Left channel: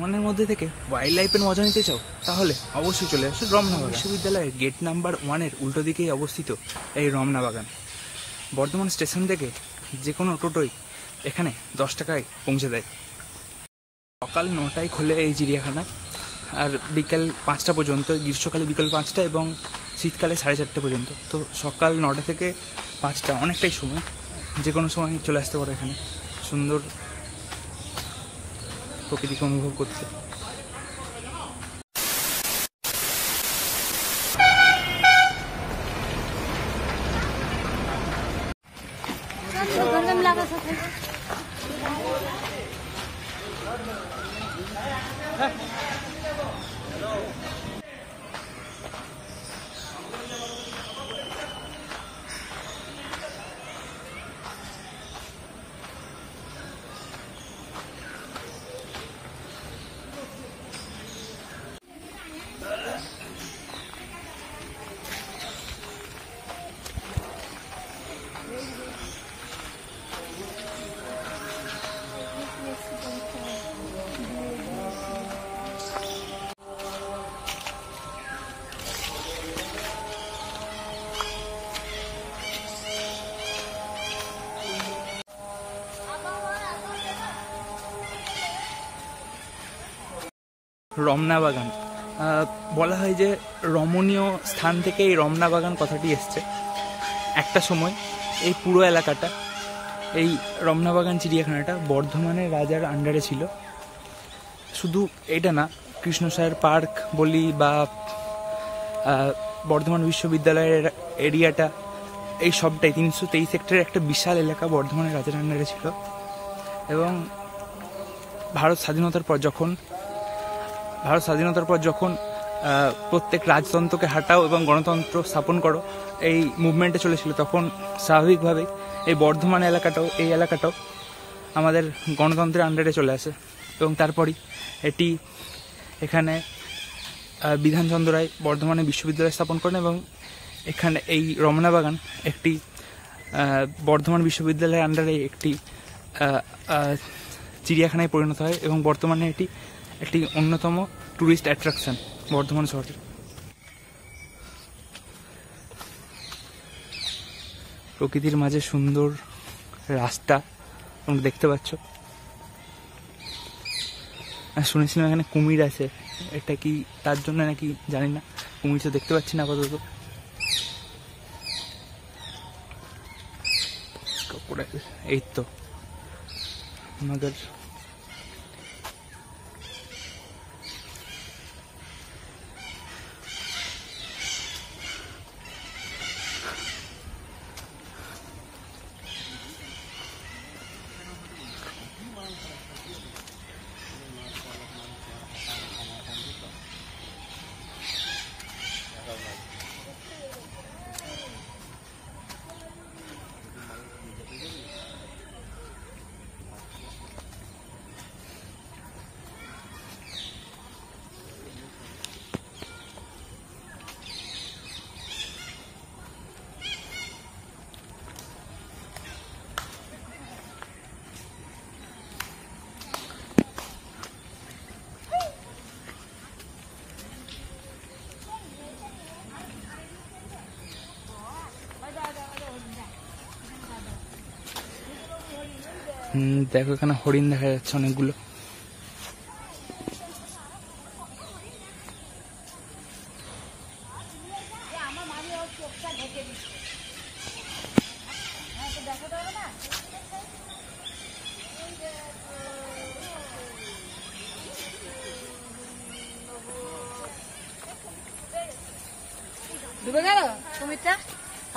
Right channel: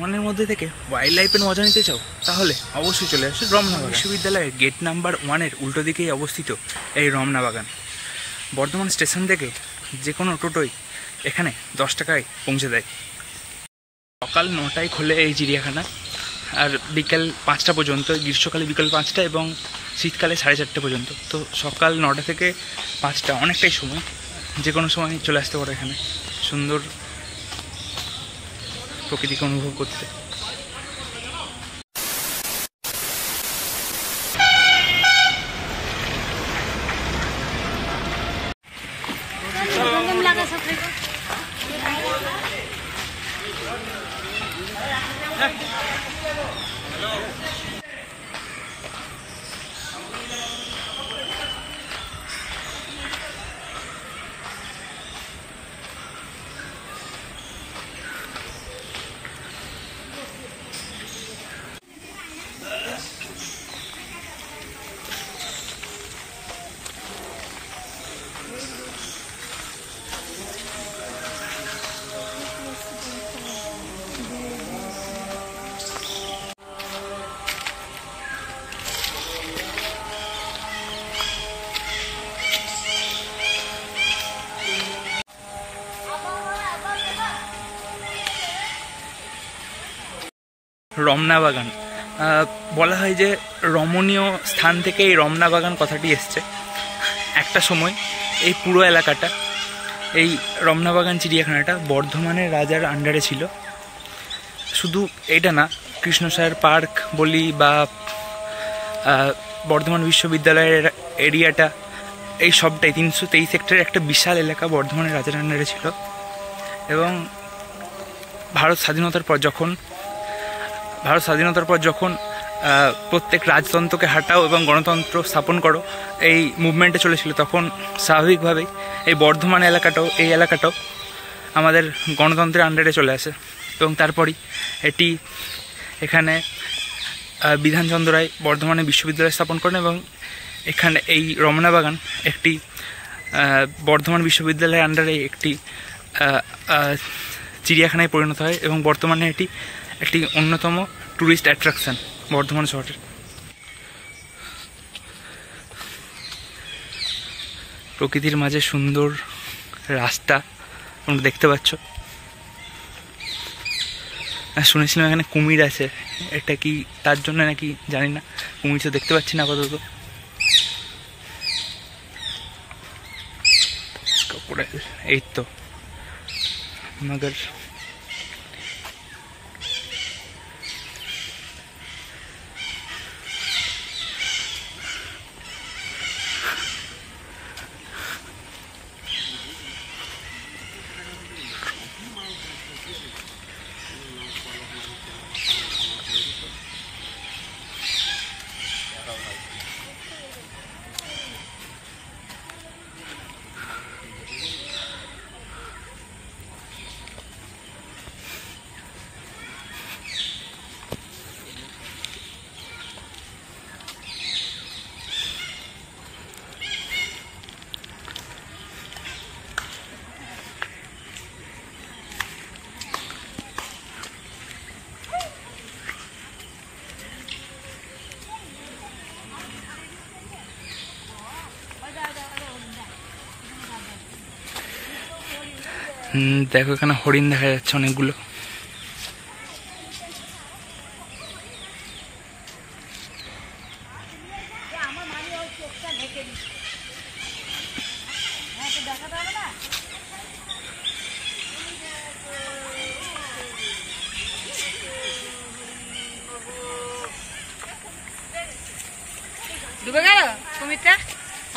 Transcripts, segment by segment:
মনের মধ্যে থেকে ওয়াইল্ড লাইফের মজা নিতে চাও তাহলে অবশ্যই চলে আসো রমনা বাগান। বিশ্ববিদ্যালয়ের গেট নাম্বার 1-এর উল্টো দিকেই অবস্থিত এই রমনা বাগান। বর্ধমান স্টেশন থেকে যে কোনো টোটোই এখানে 10 টাকায় পৌঁছে দেয়। সকাল 9টায় খোলে এই চিড়িয়াখানা, আর বিকেল 5টা পর্যন্ত। গ্রীষ্মকালে বিকেল 5টা এবং শীতকালে 4:30 পর্যন্ত। তো সকাল 9টা থেকে 5টা অনেকটাই সময়, যে কোনো সময় চলে আসতে পারো এখানে সুন্দর প্রকৃতিকে অনুভব করতে। রমনা বাগান বলা হয় যে রমণীয় স্থান থেকে এই রমনা বাগান কথাটি এসছে। একটা সময় এই পুরো এলাকাটা, এই রমনা বাগান চিড়িয়াখানাটা বর্ধমানের রাজার আন্ডারে ছিল। শুধু এটা না, কৃষ্ণসায়র পার্ক বলি বা বর্ধমান বিশ্ববিদ্যালয়ের এরিয়াটা, এই সবটাই 323 হেক্টরের একটা বিশাল এলাকা বর্ধমানের রাজার আন্ডারে ছিল। এবং ভারত স্বাধীনতার পর যখন প্রত্যেক রাজতন্ত্রকে হাঁটাও এবং গণতন্ত্র স্থাপন করো এই মুভমেন্টে চলেছিল, তখন স্বাভাবিকভাবেই এই বর্ধমান এলাকাটাও আমাদের গণতন্ত্রের আন্ডারে চলে আসে। এবং তারপরই এখানে বিধানচন্দ্র রায় বর্ধমানে বিশ্ববিদ্যালয় স্থাপন করেন এবং এখানে এই রমনা বাগান একটি বর্ধমান বিশ্ববিদ্যালয়ের আন্ডারে একটি চিড়িয়াখানায় পরিণত হয় এবং বর্তমানে এটি একটি অন্যতম ট্যুরিস্ট অ্যাট্রাকশন বর্ধমান শহরের। প্রকৃতির মাঝে সুন্দর রাস্তা তোমরা দেখতে পাচ্ছ। শুনেছিলাম এখানে কুমির আছে, এটা কি তার জন্য নাকি জানি না, কুমির তো দেখতে পাচ্ছি না আপাতত। এই তো মগর দেখো এখানে হরিণ দেখা যাচ্ছে অনেকগুলো। ডুবে গেল কুমিরটা,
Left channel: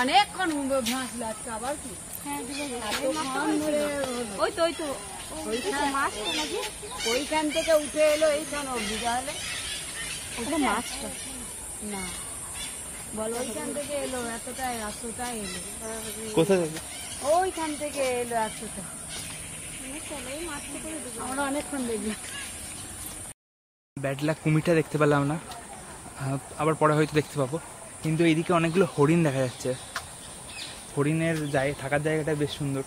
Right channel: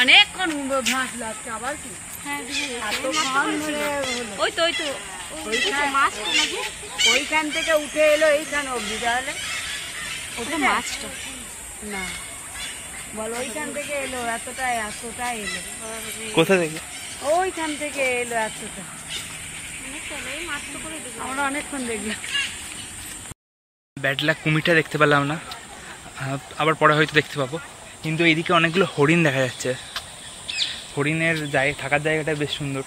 অনেকক্ষণ ঘাস লাগছে আবার কি। ওইখান থেকে উঠে এলো এইখানে অব্দি, তাহলে ওটা মাছটা না বলো, ওইখান থেকে এলো এতটা এলো। কোথা থেকে? ওইখান থেকে এলো এতটা, আমরা অনেকক্ষণ দেখলাম। ব্যাড লাক, কুমিরটা দেখতে পেলাম না, আবার পরে হয়তো দেখতে পাবো। কিন্তু এইদিকে অনেকগুলো হরিণ দেখা যাচ্ছে। হরিণের থাকার জায়গাটা বেশ সুন্দর।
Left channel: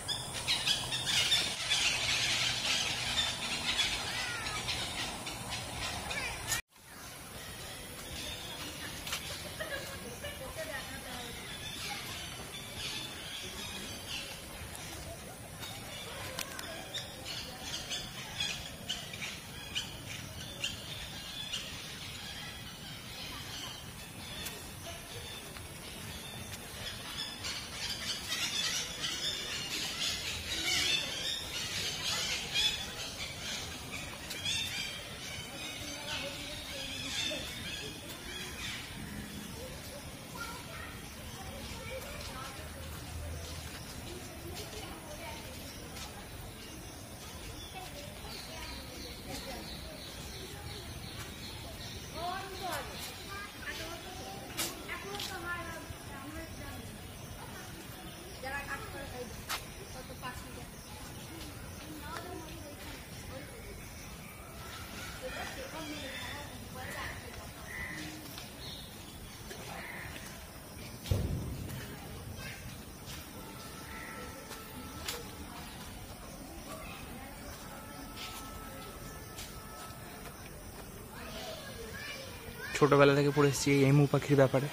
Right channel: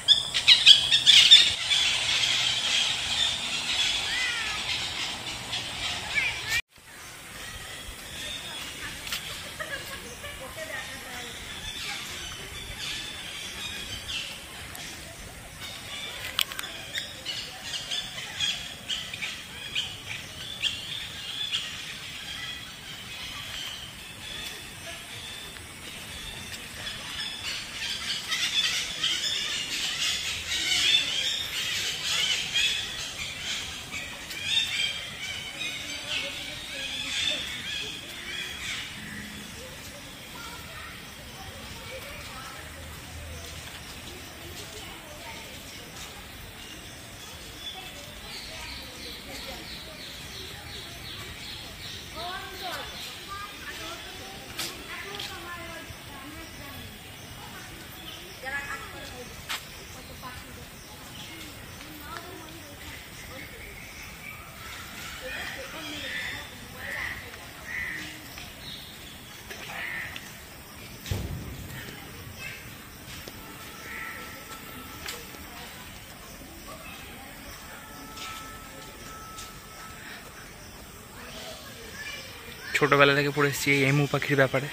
ছোটোবেলা থেকে পড়ে এসেছি এই এমু পাখির ব্যাপারে,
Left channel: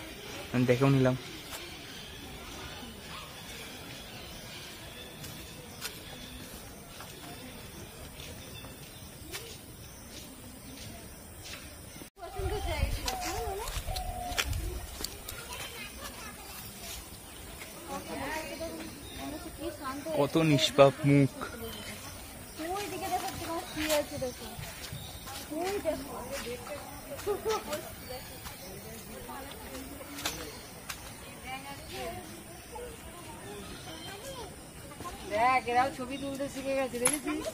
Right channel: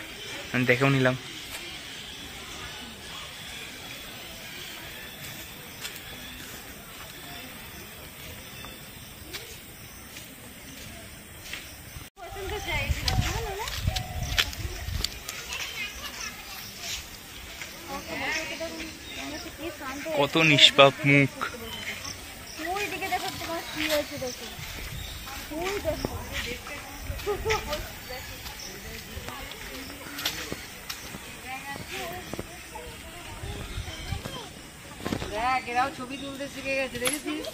দেখেও নিলাম। কত নিষ্পাপ মুখ। দেখ এরাও ছবি তুলতে শিখে গেছে, দেখেছিস?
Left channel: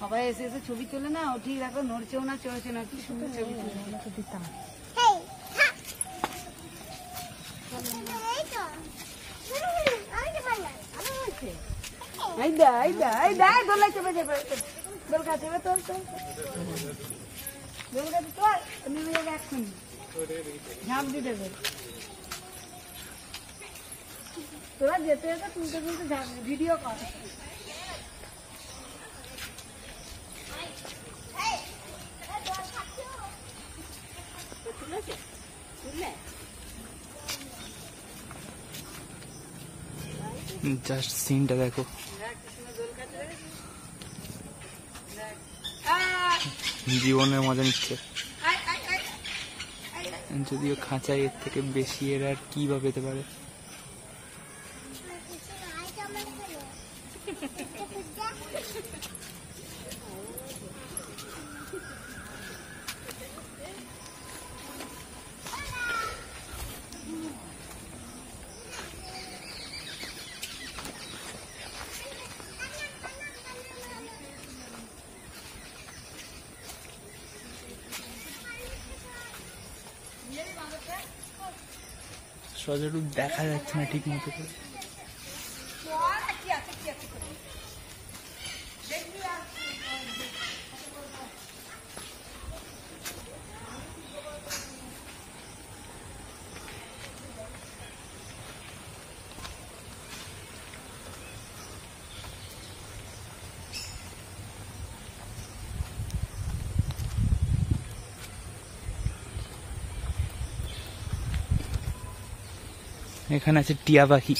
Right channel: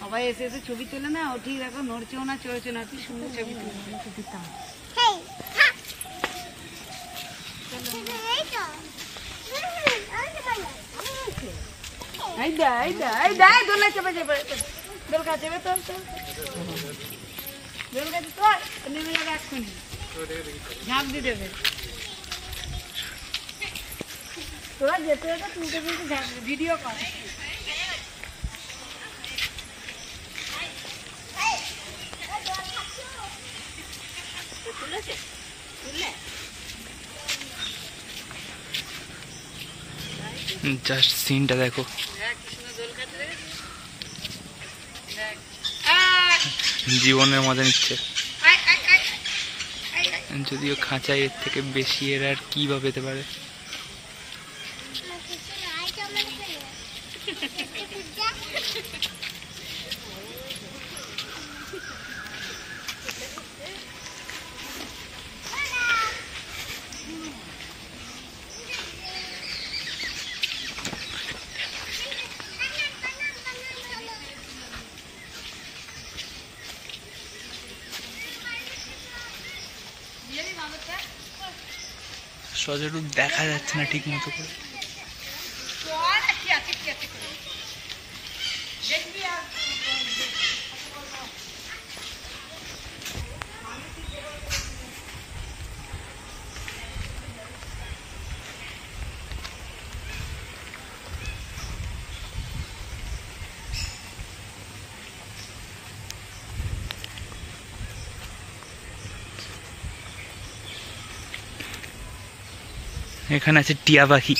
সবাই এসে এসে ছবি তুলে না, ও ঠিক দেখো নড়ছেও না চড়ছে না, কি সুন্দর ছবি তুলতে দিতাম। দোলা চেপে চেপে দোল কাছে তোর দোল কাছে তোর নেমে যাবে এক্ষুনি, ঝাঁপ দিয়ে দেবে। তোরা যেতে যেতে তুলতে তুলতে ঝাঁপ ভিডিও কর। জাস্ট সিনটা দেখো, জীবনের মজা নিচ্ছে। যদিও খাঁচায় এর থেকে বেশি এর আর কি বা পেতে পারে। সজরূপ দেখা যাচ্ছে না ঠিক মতো করে। এখানে আছে টিয়া পাখি।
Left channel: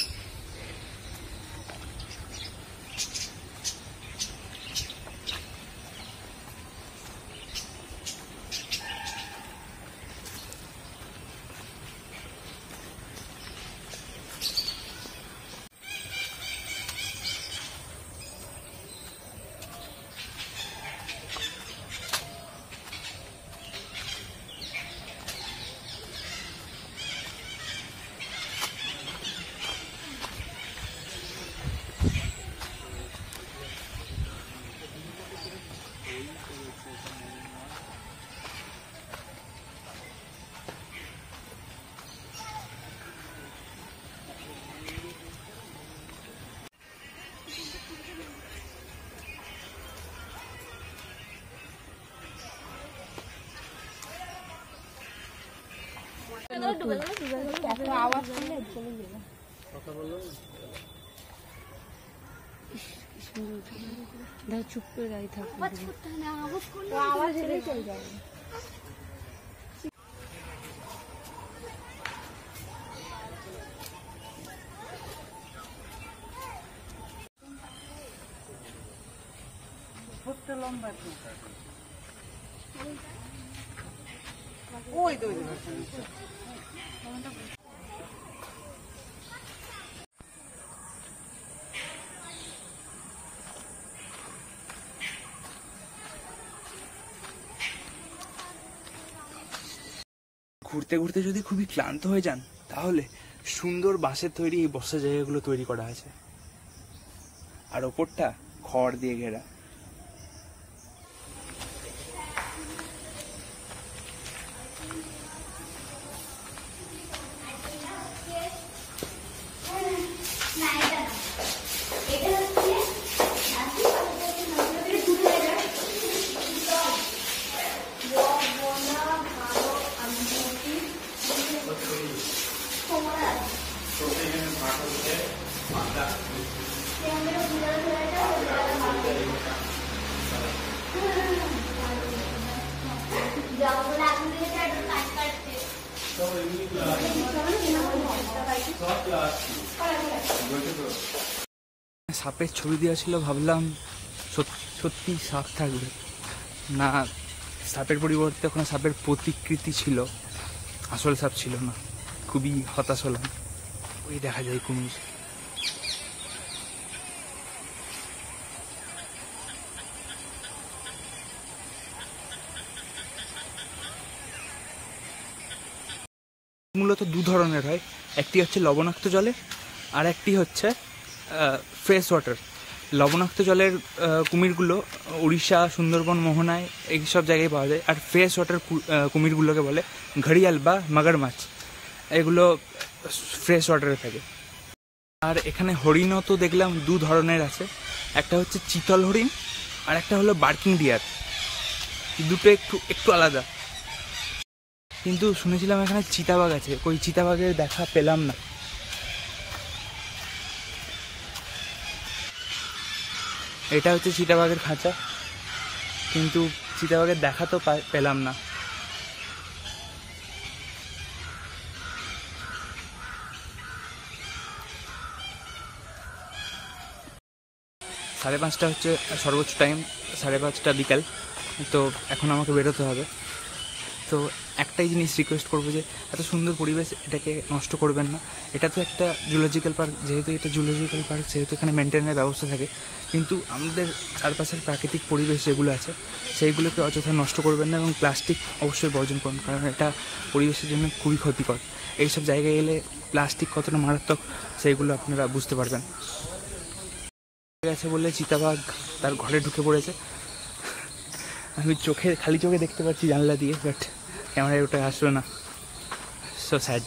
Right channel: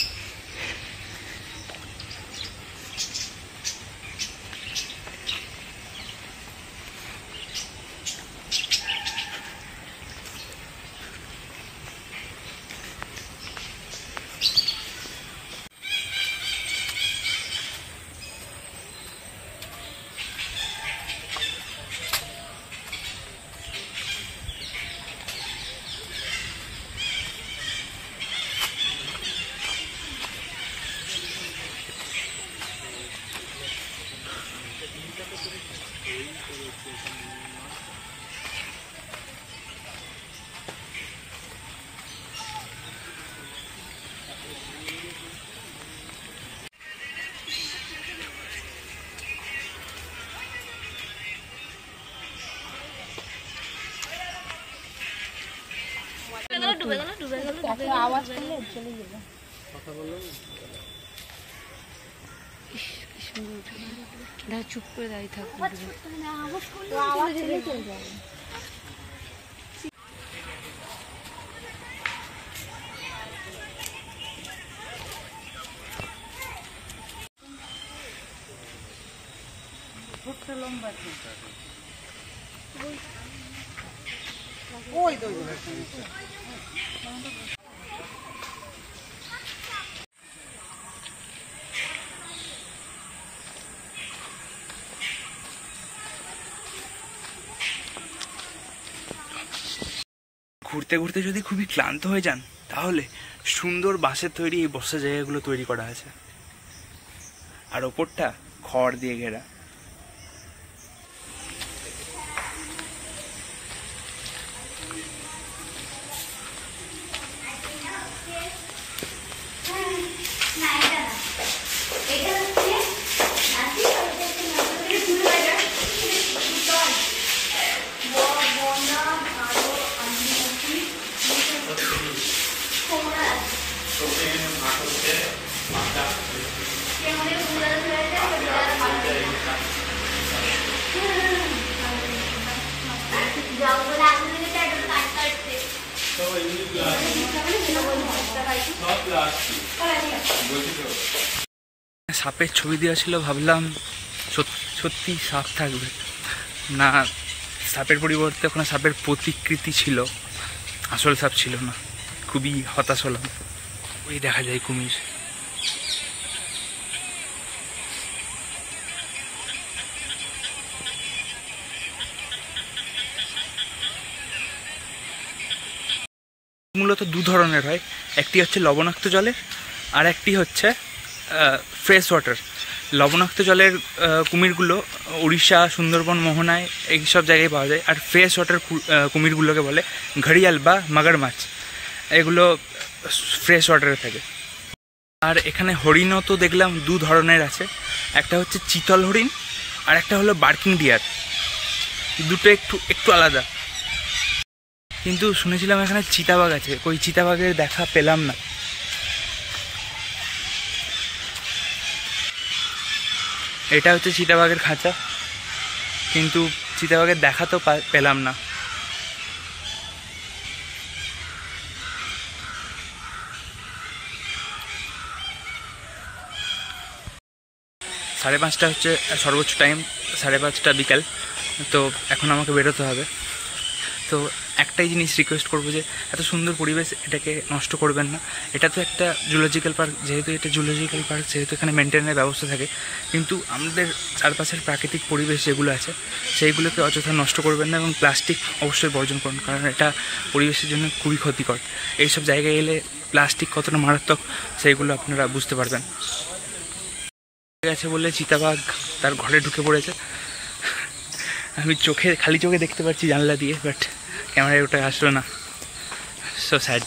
চুপ করে দাঁড়িয়ে থাকবো। ঘুরতে ঘুরতে যদি খুবই ক্লান্ত হয়ে যান, তাহলে সুন্দর বাঁশের তৈরি এই বসার জায়গাগুলো তৈরি করা আছে, আর ওপরটা খড় দিয়ে ঘেরা। जाओ बोला आपने क्या সাপের ছবি দেওয়া ছিল, ভাবলাম সত্যি সাপ থাকবে না, সাপের পরিবর্তে ওখানে সাপের প্রতিকৃতি ছিল, আসল সাপ ছিল না। খুবই হতাশ হলাম। ওই দেখা যায় কুমির। মূলত দু ধরনের হয়, একটি হচ্ছে লবণাক্ত জলের আর একটি হচ্ছে ফ্রেশ ওয়াটার। লবণাক্ত জলের কুমিরগুলো উড়িষ্যা, সুন্দরবন, মোহনায় এই সব জায়গায় পাওয়া যায়। আর ফ্রেশ ওয়াটার কুমিরগুলোকে বলে ঘড়িয়াল বা মাগার মাছ, এগুলো ফ্রেশ ওয়াটারে থাকে। আর এখানে হরিণও তো দেখলাম দু ধরনের আছে, একটা হচ্ছে চিতল হরিণ আর একটা হলো বার্কিং ডিয়ার। দুটো একটু আলাদা। কিন্তু শুনেছিলাম এখানে চিতাবাঘ আছে, ওই চিতাবাঘের দেখা পেলাম না। এটা হচ্ছে চিতাবাঘের খাঁচা, কিন্তু চিতাবাঘের দেখা তো পেলাম না। সাড়ে 5টা হচ্ছে সর্বোচ্চ টাইম, 5:30 বিকাল। তো এখন আমাকে বেরোতে হবে। তো একটাই জিনিস রিকোয়েস্ট করবো যে এত সুন্দর পরিবেশ, এটাকে নষ্ট করবেন না। এটা তো একটা জুলজিক্যাল পার্ক, যেহেতু এটা জুলজিক্যাল পার্ক সেহেতু এখানে মেনটেনের ব্যবস্থা থাকে, কিন্তু আমাদের চারপাশের প্রাকৃতিক পরিবেশ যেগুলো আছে সেইগুলোকে অযথা নষ্ট করবেন না। এবং প্লাস্টিক অবশ্যই বর্জন করুন, কারণ এটা পরিবেশের জন্য খুবই ক্ষতিকর। এইসব জায়গায় এলে প্লাস্টিক কতটা মারাত্মক সেইগুলো আপনারা বুঝতে পারবেন। গেছে বলে চিতাবাঘ তার ঘরে ঢুকে পড়েছে। আমি খালি চোখে দেখতে পাচ্ছি জানলা দিয়ে, বাট ক্যামেরায় ওটা আসলো না। So sad.